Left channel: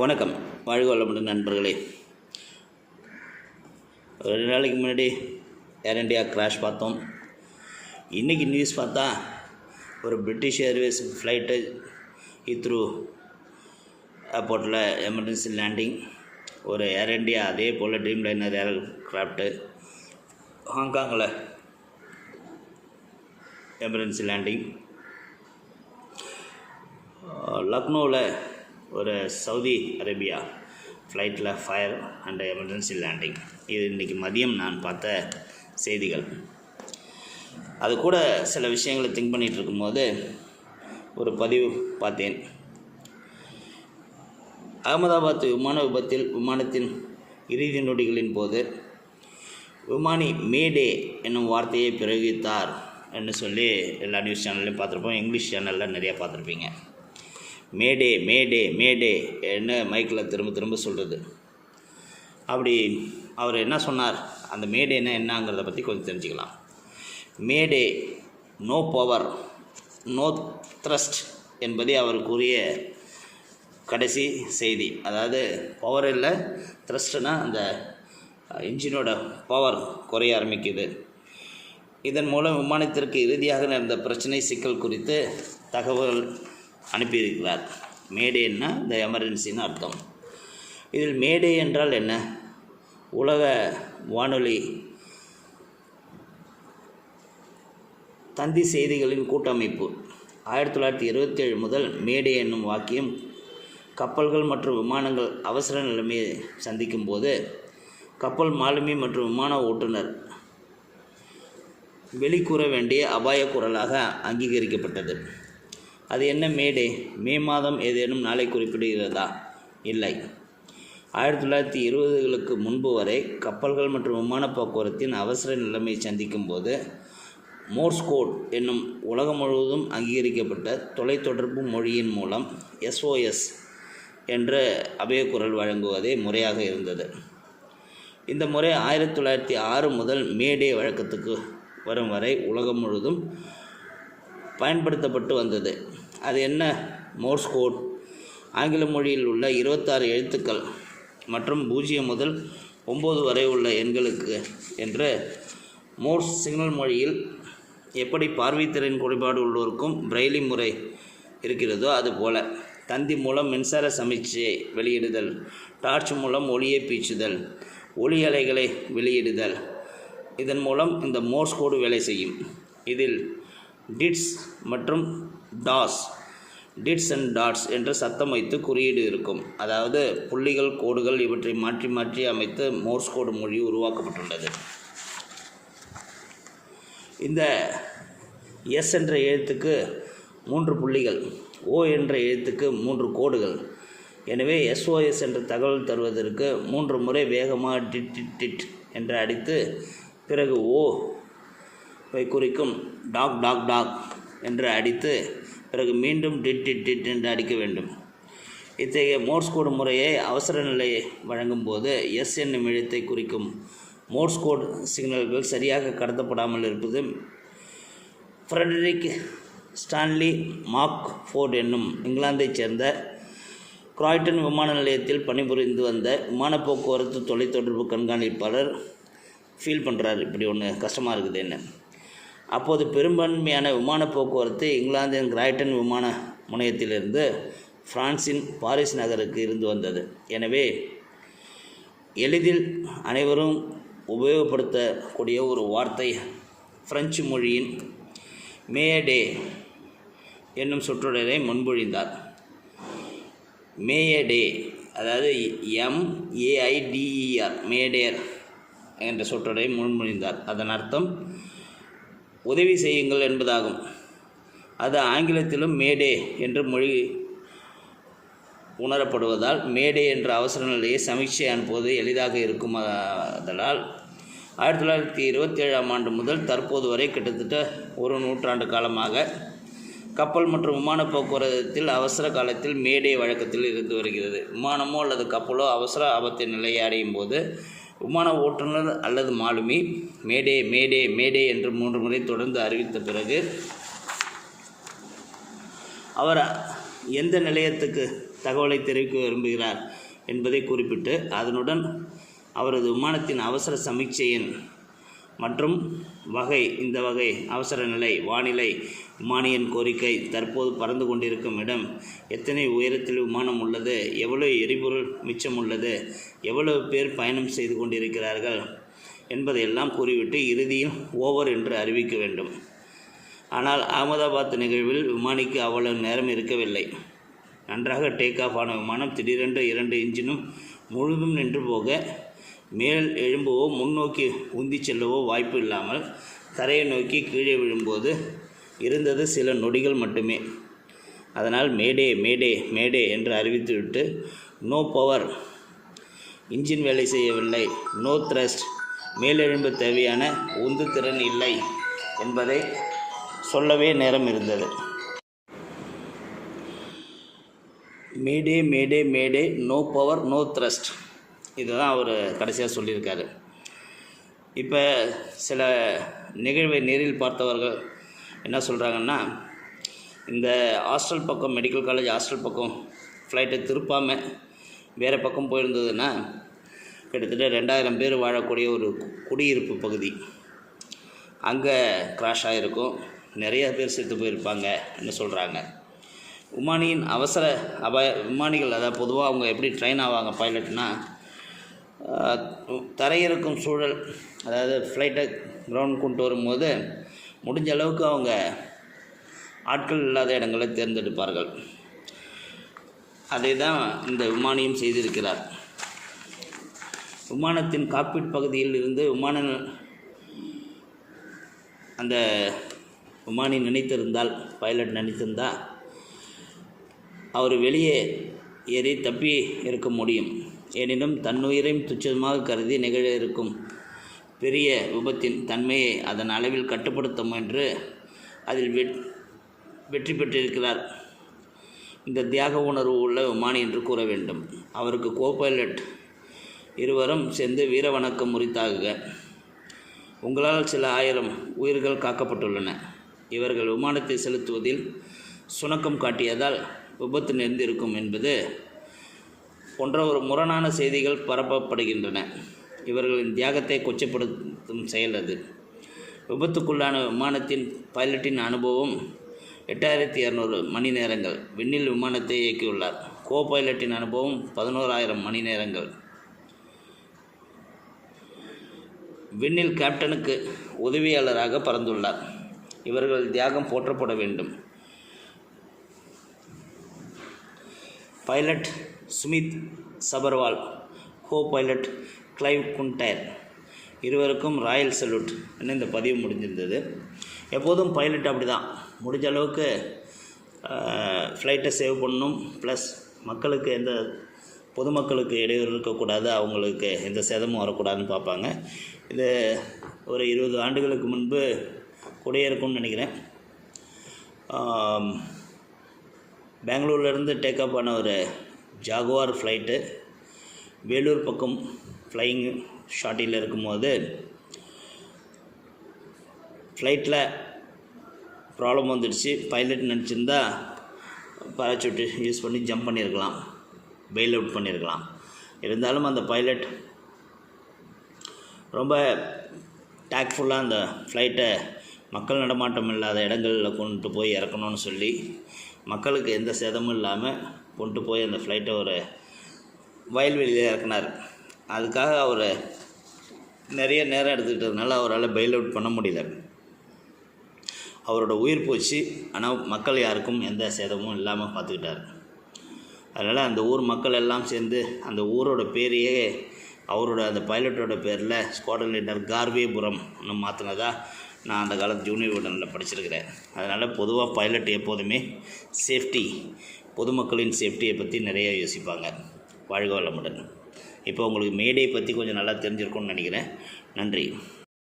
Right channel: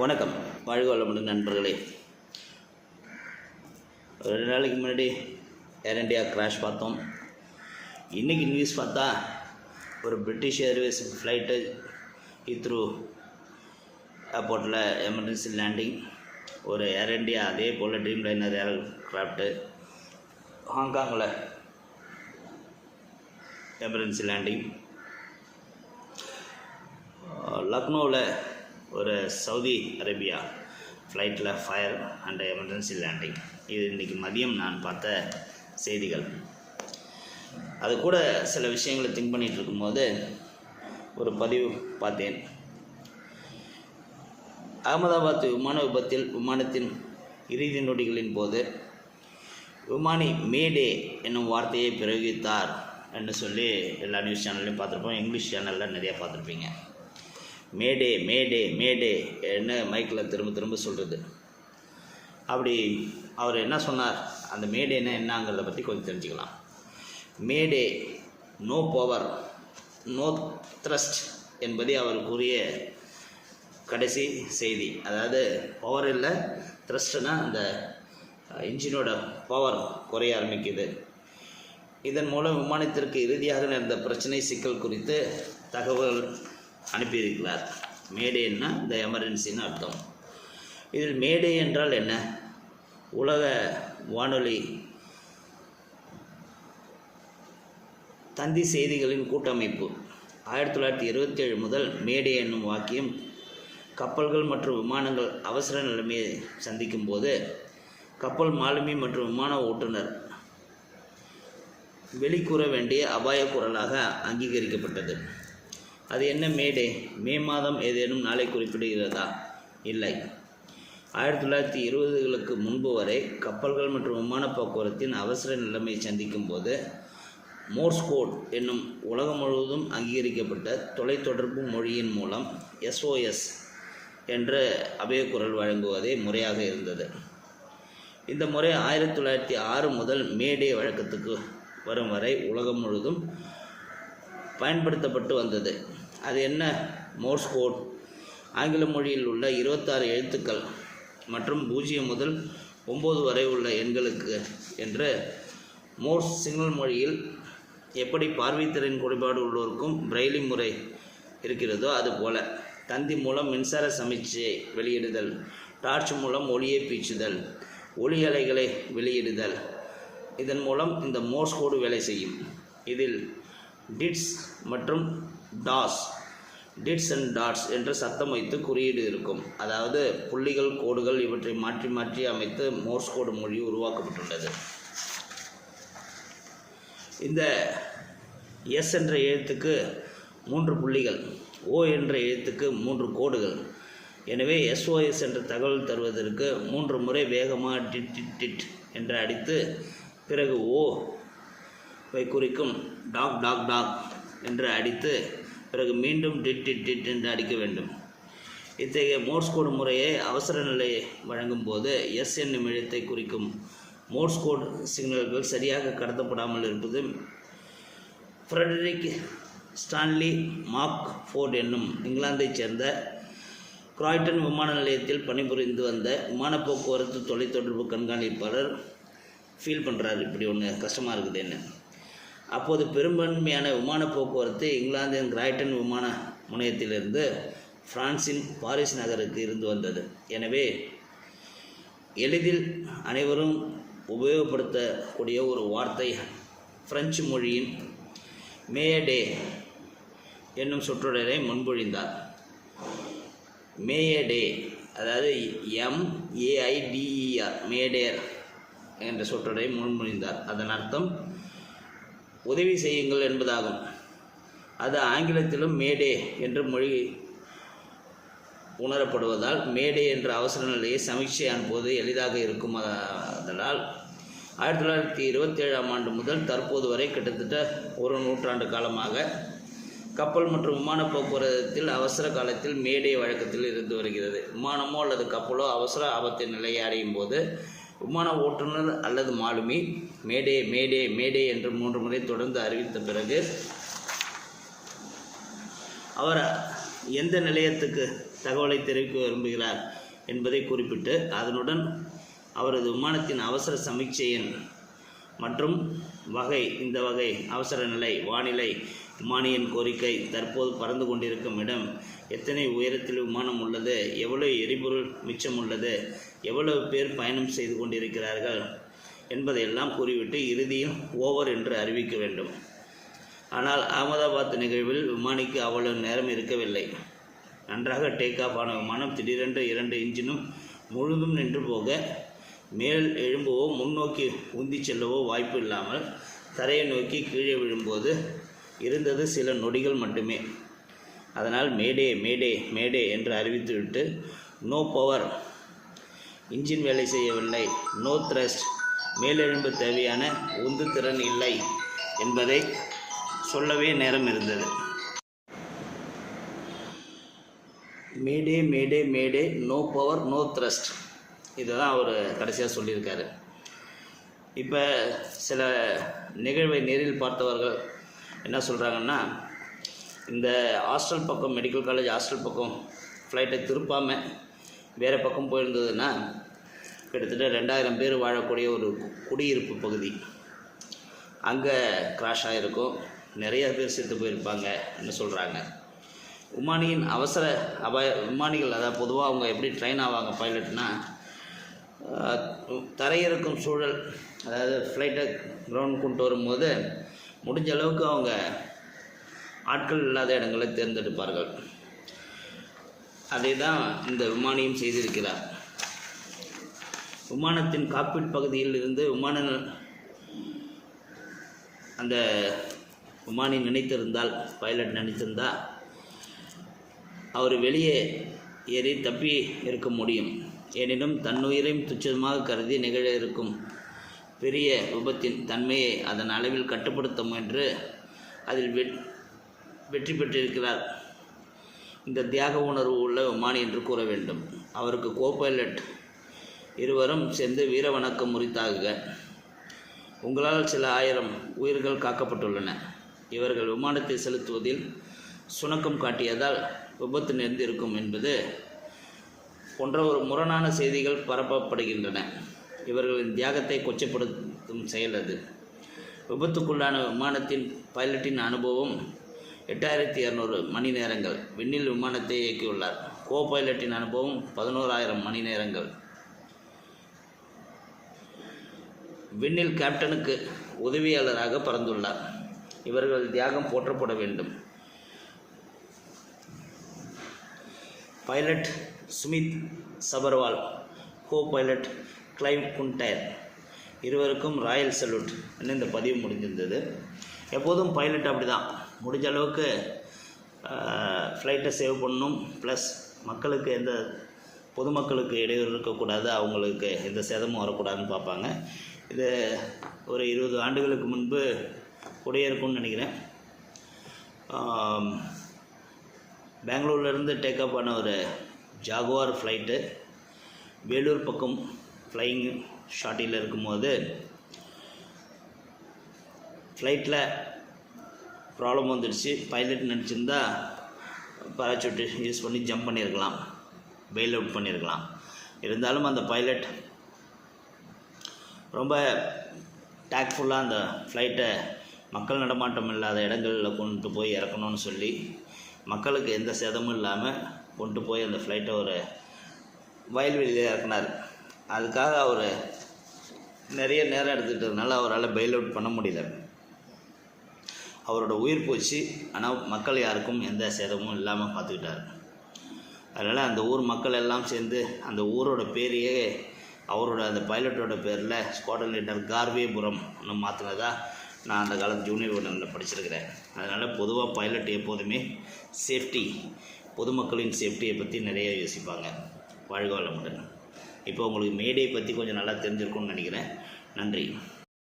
வணக்கம். வாழ்க வளமுடன் நண்பர்களே. ரெண்டு நாளைக்கு முன்னாடி ஏர் இண்டியா கிராஷ் பார்த்தோம். இன்றைக்கி நியூஸ் பார்த்தா ஒரு பிரிட்டிஷ் ஏர்வேஸ் ஃப்ளைட்டு இத்ரூ ஏர்போர்ட்டில் எமர்ஜென்சி லேண்டிங் ஒரு ஏர் இண்டியா அதே போல் ட்ரீம் லைனர் ஏர் கிராஃப்ட்டு ஹாங்காங்கில் எமர்ஜென்சி லேண்டிங் லக்னோவில் ஒரு சவுதி அரேபியா ஃப்ளைட்டில் ஃபயர் அண்ட் எமர்ஜென்சி லேண்டிங் இது இன்றைக்கி மதியம் நான் பார்த்த செய்திகள். அது கூட சில விஷயங்களை திங்க் பண்ணிகிட்டு இருக்கும்போது ஒரு பதிவு பார்த்தேன். அகமதாபாத் விமான விபத்தில் விமானத்தின் இறுதி நொடிகளின் போது விமானி மேடே என்னும் வார்த்தையை பிரயோகித்தார் என்று சொல்லி எல்லா நியூஸ் சேனல்லையும் பார்த்துருப்போம். இங்கிலீஷ் சேனலில் நிறையா பார்த்துருப்பீங்க. மேடே மேடே மேடே என்ன மைக்கில் திரும்ப திரும்ப சொல்கிறது அப்படி அவர் என்ன சொன்னார்? அந்த மேடேன்னா என்னங்கிறத பற்றி கொஞ்சம் தெரிஞ்சுக்கலாம். Mayday no power no thrust என்பதே அவருக்குரிய கடைசி செய்தி. அதாவது பவர் இல்லை த்ரஸ்ட்னா அந்த இன்ஜினோட பவர் குறைய ஆரம்பிக்குது. இதன் மூலம் விமானத்திற்கு இறுதியாக நடந்த பிரச்சனை சிக்கல் குறித்து தகவல் அனுப்பியிருக்கிறார். மேடேன்னா இந்த எமர்ஜென்சின்னு அர்த்தம். இதில் மேடே என்றால் என்ன? உலக வானொலி தந்தி செய்திகளின் கூட்டமைப்பு. ஆயிரத்தி தொள்ளாயிரத்தி இருபத்தி ஏழு முதல் மேடே என்னும் வாக்கியம் கப்பல்கள் மற்றும் விமானங்கள் அவசர நிலைமையை சந்திக்கும் போது கப்பல் மாலுமி மற்றும் விமான ஓட்டுநர் வெளிக்கூற வேண்டிய அபாய குரலாக அங்கீகரிக்கப்பட்டது. அது என்ன மேடே? மே மாதம் ஏதேனும் நாளை குறிப்பிடுகிறதா? இல்லை. ஆயிரத்தி தொள்ளாயிரத்தி இருபதுகளுக்கு முன்பு வரை கப்பல்கள் மற்றும் விமான போக்குவரத்தின் அவசர நிலைமை சந்திக்கும் போது மோர்ஸ் கோட் என்னும் உலகம் முழுவதும் அங்கீகரிக்கப்பட்ட தொலைத்தொடர்பு மொழியின் மூலம் எஸ்ஓஎஸ் என்ற அபயக்குரல் வழங்குவதே முறையாக இருந்தது. இந்த முறை ஆயிரத்தி தொள்ளாயிரத்தி ஆறு முதல் மேடே வழக்கத்துக்கு வரும் வரை உலகம் முழுவதும் பயன்படுத்தப்பட்டு வந்தது. அது என்ன? Morse code. ஆங்கில மொழியில் உள்ள இருபத்தாறு எழுத்துக்கள் மற்றும் பூஜ்ஜியம் முதல் ஒம்பது வரை உள்ள எண்களுக்கு என்று மோர்ஸ் சிக்னல் மொழியில் எப்படி பார்வைத்திறன் குறைபாடு உள்ளோருக்கும் பிரெய்லி முறை இருக்கிறதோ அதுபோல தந்தி மூலம் மின்சார சமிச்சையை வெளியிடுதல் டார்ச் மூலம் ஒளியை பீச்சுதல் ஒளி அலைகளை வெளியிடுதல். இதன் மூலம் இந்த மோர்ஸ் கோடு வேலை செய்யும். இதில் டிட்ஸ் மற்றும் டாஸ் டிட்ஸ் அண்ட் டாட்ஸ் என்று சத்தம் வைத்து குறியீடு இருக்கும். அதாவது புள்ளிகள் கோடுகள் இவற்றை மாற்றி மாற்றி அமைத்து மோர்ஸ் கோடு மொழி உருவாக்கப்பட்டுள்ளது. இந்த எஸ் என்ற எழுத்துக்கு மூன்று புள்ளிகள் ஓ என்ற எழுத்துக்கு மூன்று கோடுகள். எனவே எஸ்ஓஎஸ் என்ற தகவல் தருவதற்கு மூன்று முறை வேகமாக டிட் டிட் டிட் என்று அடித்து பிறகு ஓ குறிக்கும் டாக் டாக் டாக் என்று அடித்து பிறகு மீண்டும் டிட் டிட் டிட் என்று அடிக்க வேண்டும். இத்தகைய மோர்ஸ் கோடு முறையை அவசர நிலையை வழங்கும் போது எஸ் என்னும் எழுத்தை குறிக்கும் மோர்ஸ் கோட் சிக்னல்கள் சரியாக கடத்தப்படாமல் இருப்பது ஃப்ரெடரிக் ஸ்டான்லி மார்க் ஃபோர்ட் என்னும் இங்கிலாந்தைச் சேர்ந்த கிராய்டன் விமான நிலையத்தில் பணிபுரிந்து வந்த விமான போக்குவரத்து தொலைத்தொடர்பு கண்காணிப்பாளர் ஃபீல் பண்ணுறாரு இப்படி ஒன்று கஷ்டமாக இருக்குது என்ன? அப்போது பெரும்பான்மையான விமான போக்குவரத்து இங்கிலாந்தின் கிராய்டன் விமான முனையத்திலிருந்து பிரான்சின் பாரிஸ் நகருக்கு இருந்து வந்தது. எனவே எளிதில் அனைவரும் உபயோகப்படுத்தக்கூடிய ஒரு வார்த்தை பிரெஞ்சு மொழியின் மேடே என்னும் சொற்றொடரை முன்மொழிந்தார். மேயடே அதாவது எம்ஏஐடிஇஆர் மேடேர் என்ற சொற்றொடரை முன்மொழிந்தார். அதன் அர்த்தம் உதவி செய்யுங்கள் என்பதாகும். அது ஆங்கிலத்திலும் மேடே என்று மொழி உணரப்படுவதால் மேடே என்ற அவசர நிலையை சமீட்சை அனுப்புவது எளிதாக இருக்கும். அதனால் ஆயிரத்தி தொள்ளாயிரத்தி இருபத்தேழாம் ஆண்டு முதல் தற்போது வரை கிட்டத்தட்ட ஒரு நூற்றாண்டு காலமாக கப்பல் மற்றும் விமான போக்குவரத்தில் அவசர காலத்தில் மேடே வழக்கத்தில் இருந்து வருகிறது. விமானமோ அல்லது கப்பலோ அவசர ஆபத்தின் நிலையை அடையும் போது விமான ஓட்டுநர் அல்லது மாலுமி. மேடே மேடே மேடே என்று மூன்று முறை தொடர்ந்து அறிவித்த பிறகு அவர் எந்த நிலையத்துக்கு தகவலை தெரிவிக்க விரும்புகிறார் என்பதை குறிப்பிட்டு அதனுடன் அவரது விமானத்தின் அவசர சமீட்சை எண் மற்றும் வகை இந்த வகை அவசர நிலை வானிலை விமானியின் கோரிக்கை தற்போது பறந்து கொண்டிருக்கும் இடம். எத்தனை உயரத்தில் விமானம் உள்ளது? எவ்வளவு எரிபொருள் மிச்சம் உள்ளது? எவ்வளவு பேர் பயணம் செய்து கொண்டிருக்கிறார்கள் என்பதையெல்லாம் கூறிவிட்டு இறுதியில் ஓவர் என்று அறிவிக்க வேண்டும். ஆனால் அகமதாபாத் நிகழ்வில் விமானிக்கு அவ்வளவு நேரம் இருக்கவில்லை. நன்றாக டேக் ஆஃப் ஆன விமானம் திடீரென்று இரண்டு இன்ஜினும் முழுதும் நின்று போக மேல் எழும்பவோ முன்னோக்கி உந்தி செல்லவோ வாய்ப்பு இல்லாமல் தரையை நோக்கி கீழே விழும்போது இருந்தது சில நொடிகள் மட்டுமே. அதனால் மேடே மேடே மேடே என்று அறிவித்துவிட்டு நோ பவர். இன்ஜின் வேலை செய்யவில்லை. No thrust. மேலெழும்பு தேவையான உந்து திறன் இல்லை என்பதை சொல்லவே நேரம் இருந்தது. Mayday mayday mayday. No power no thrust. இதுதான் அவர் கடைசியாக சொல்லியிருக்காரு. இப்போ சில நிகழ்வை நேரில் பார்த்தவர்கள் என்ன சொல்கிறாங்கன்னா இந்த ஹாஸ்டல் பக்கம் மெடிக்கல் காலேஜ் ஹாஸ்டல் பக்கம் ஃப்ளைட்டை திருப்பாமல் வேறு பக்கம் போயிருந்ததுன்னா கிட்டத்தட்ட ரெண்டாயிரம் பேர் வாழக்கூடிய ஒரு குடியிருப்பு பகுதி. அங்கே கிராஷ் ஆகிருக்கும் நிறைய பேர் செத்து போயிருப்பாங்கன்னு சொல்கிறாங்க விமானியின் அவசர அபாய விமானிகள் அதாவது பொதுவாக அவங்க எப்படி ட்ரெயின் ஆவாங்க பைலட்னால் தரையிறக்கும் சூழல் அதாவது ஃப்ளைட்டை கிரவுண்ட் கொண்டு வரும்போது முடிஞ்ச அளவுக்கு அவங்க ஆட்கள் இல்லாத இடங்களை தேர்ந்தெடுப்பார்கள். அதை தான் இந்த விமானியும் செய்திருக்கிறார். விமானத்தின் காக்பிட் பகுதியில் இருந்து விமான அந்த விமானி நினைத்திருந்தால் பைலட் நினைத்திருந்தால் அவர் வெளியே ஏறி தப்பி இருக்க முடியும். எனினும் தன்னுயிரையும் துச்சமாக கருதி நிகழ இருக்கும் பெரிய விபத்தின் தன்மையை அதன் அளவில் கட்டுப்படுத்த முயன்று அதில் வெட் வெற்றி பெற்றிருக்கிறார். இந்த தியாக உணர்வு உள்ள விமானி என்று கூற வேண்டும். அவருக்கு கோபைலட் இருவரும் சேர்ந்து வீர வணக்கம் முறித்தாகுக உங்களால் சில ஆயிரம் உயிர்கள் காக்கப்பட்டுள்ளன. இவர்கள் விமானத்தை செலுத்துவதில் சுணக்கம் காட்டியதால் விபத்து நேர்ந்திருக்கும் என்பது போன்ற ஒரு முரணான செய்திகள் பரப்பப்படுகின்றன. இவர்களின் தியாகத்தை கொச்சப்படுத்தும் செயல் அது. விபத்துக்குள்ளான விமானத்தின் பைலட்டின் அனுபவம் எட்டாயிரத்தி இரநூறு மணி நேரங்கள். விண்ணில் விமானத்தை இயக்கியுள்ளார். கோ பைலட்டின் அனுபவம் பதினோராயிரம் மணி நேரங்கள். விண்ணில் கேப்டனுக்கு உதவியாளராக பறந்துள்ளார். இவர்கள் தியாகம் போற்றப்பட வேண்டும். Pilot Sumit Sabharwal co pilot Clive Kunder இருவருக்கும் ராயல் சல்யூட் இந்த பதிவு முடிஞ்சிருந்தது எப்போதும் பைலட் அப்படி தான் முடிஞ்ச அளவுக்கு ஃப்ளைட்டை சேவ் பண்ணணும். ப்ளஸ் மக்களுக்கு எந்த பொதுமக்களுக்கு இடையூறு இருக்கக்கூடாது. அவங்களுக்கு எந்த சேதமும் வரக்கூடாதுன்னு பார்ப்பாங்க. இது ஒரு இருபது ஆண்டுகளுக்கு முன்பு கூடயே இருக்கும்னு நினைக்கிறேன் பெங்களூர்லேருந்து டேக்கப் ஆன ஒரு ஜாகுவார் ஃப்ளைட்டு வேலூர் பக்கம் ஃப்ளையிங் ஷாட்டில் இருக்கும்போது ஃப்ளைட்டில் ப்ராப்ளம் வந்துடுச்சு. பைலட் நினச்சிருந்தா பாராசூட்டு யூஸ் பண்ணி ஜம்ப் பண்ணியிருக்கலாம் பெயில் அவுட் பண்ணியிருக்கலாம் இருந்தாலும் அந்த பைலட் ரொம்ப டேக்ஃபுல்லாக அந்த ஃப்ளைட்டை மக்கள் நடமாட்டம் இல்லாத இடங்களில் கொண்டு போய் இறக்கணும்னு சொல்லி மக்களுக்கு எந்த சேதமும் இல்லாமல் கொண்டு போய் அந்த ஃப்ளைட்டை ஒரு வயல்வெளியில் இறக்குனார். அதுக்காக அவரை நிறைய நேரம் எடுத்துக்கிட்டதுனால அவரால் பெயில் அவுட் பண்ண முடியல. அவரோட உயிர் போச்சு. ஆனால் மக்கள் யாருக்கும் எந்த சேதமும் இல்லாமல் பார்த்துக்கிட்டார். அதனால் அந்த ஊர் மக்கள் எல்லாம் சேர்ந்து அந்த ஊரோட பேரையே அவரோட அந்த பைலட்டோட பேரில் ஸ்குவாட்ரன் லீடர் கார்வேபுரம் ஒன்று மாற்றினதா நான் அந்த காலத்து ஜூனியர் உடனில் படிச்சிருக்கிறேன். அதனால் பொதுவாக பைலட் எப்போதுமே சேஃப்டி பொதுமக்களின் சேஃப்டியை பற்றி நிறைய யோசிப்பாங்க. வாழ்க வளமுடன். இப்போ உங்களுக்கு மேடை பற்றி கொஞ்சம் நல்லா தெரிஞ்சிருக்கும்னு நினைக்கிறேன். நன்றி.